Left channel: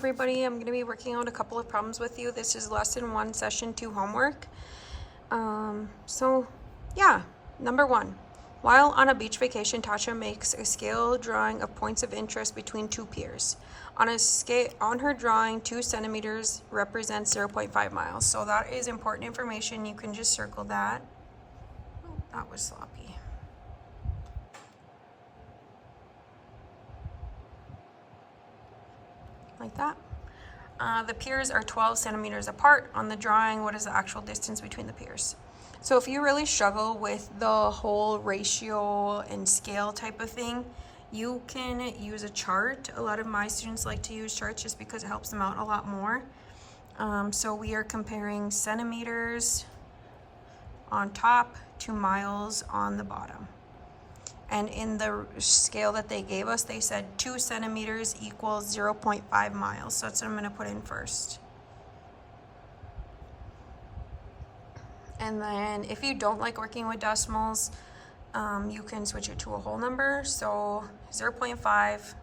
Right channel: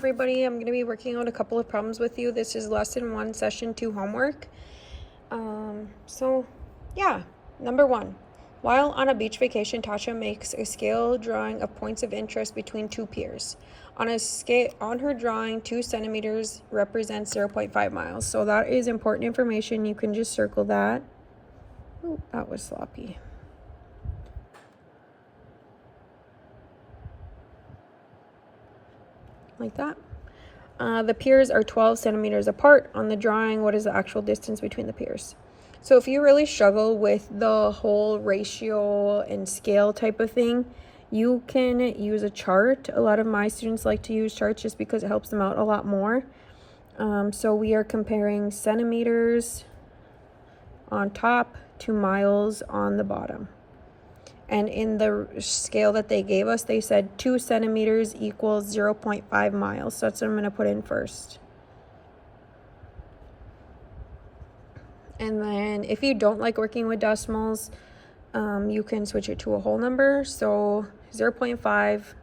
everybody. I'm going to be working out a couple of problems with you. This is lesson 1, session 2 homework. Yeah, number 1. While on a beach vacation, Tasha makes a scale drawing of points of interest between two piers. On her drawing, 2 centimeters represents 0.5 miles. So that is important information. You can just circle that. Oh, that was sloppy. Like that. The piers are 12 centimeters apart. On the drawing, what is the actual distance between the piers? So if you really struggle with the whole ratio and scale type of thing, you can use a chart. A lot of my students like to use charts just because it helps them out a lot more. So we are comparing centimeters on top to miles on the bottom. And in the scale that they gave us, they said 2 centimeters equals 0.5 miles. So that's what I'm going to put in first. And then if you don't like working with decimals, you can switch it to a whole number. So 0.5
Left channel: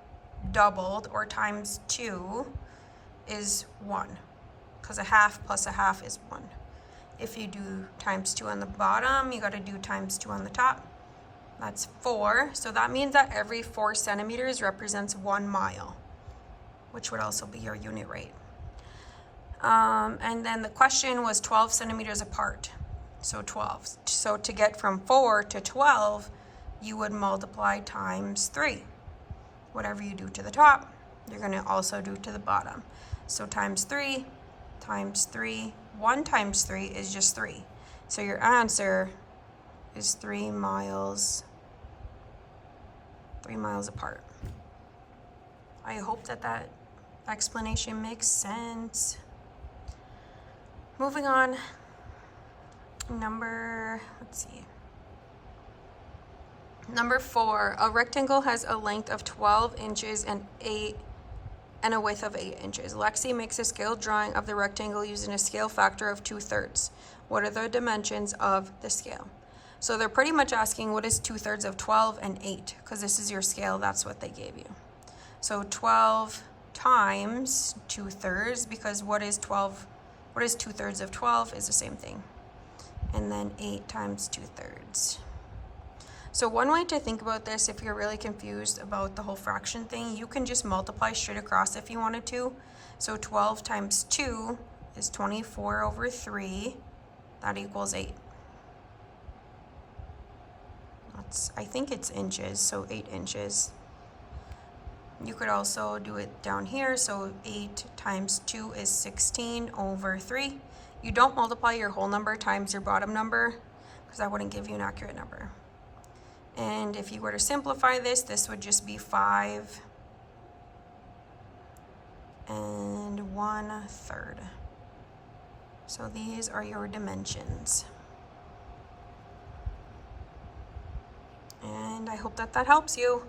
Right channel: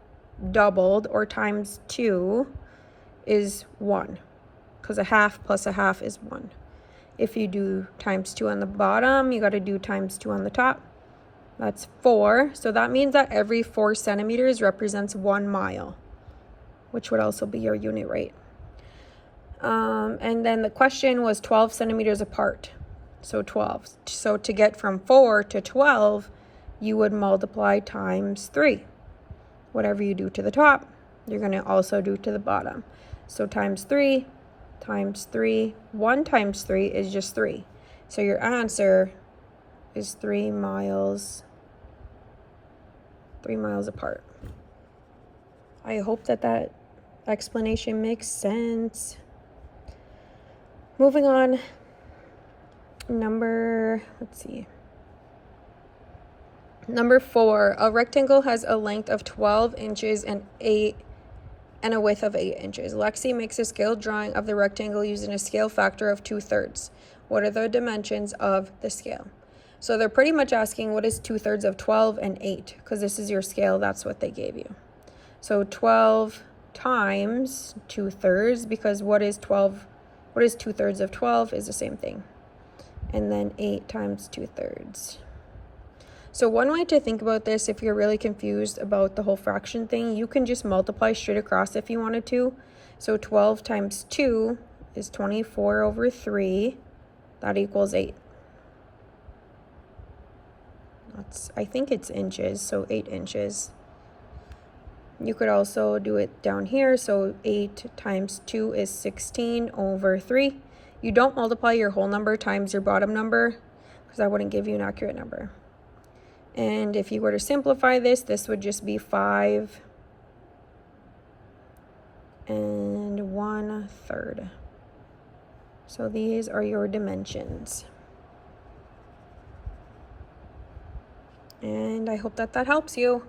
doubled or times 2 is 1. Because a half plus a half is 1. If you do times 2 on the bottom, you got to do times 2 on the top. That's 4. So that means that every 4 centimeters represents 1 mile, which would also be your unit rate. And then the question was 12 centimeters apart. So 12. So to get from 4 to 12, you would multiply times 3. Whatever you do to the top, you're going to also do to the bottom. So times 3 times 3. 1 times 3 is just 3. So your answer is 3 miles apart. I hope that explanation makes sense. Moving on, number 4, a rectangle has a length of 12 inches and a width of 8 inches. Lexi makes a scale drawing of the rectangle using a scale factor of 2/3. What are the dimensions of the scale? So they're pretty much asking what is 2/3 of 12 and 8, because this is your scale, that's what they gave you. So 12 times 2/3, because what is 2/3 of 12 is the same thing. And then 8 times 2/3. So one way to think about this, if you're really confused about the whole fraction thing, you can just multiply straight across if you wanted to. So 12 times 2 is 24 over 3. That equals 8. I think it's inches, so 8 inches. You could also do it down here. So 8 times 2 is 16 over 3. You don't multiply your whole number times your bottom number, because that wouldn't give you an accurate number. And if you were to simplify this, this would just be 5 and 1/3. So these are your dimensions. And I hope that helps you.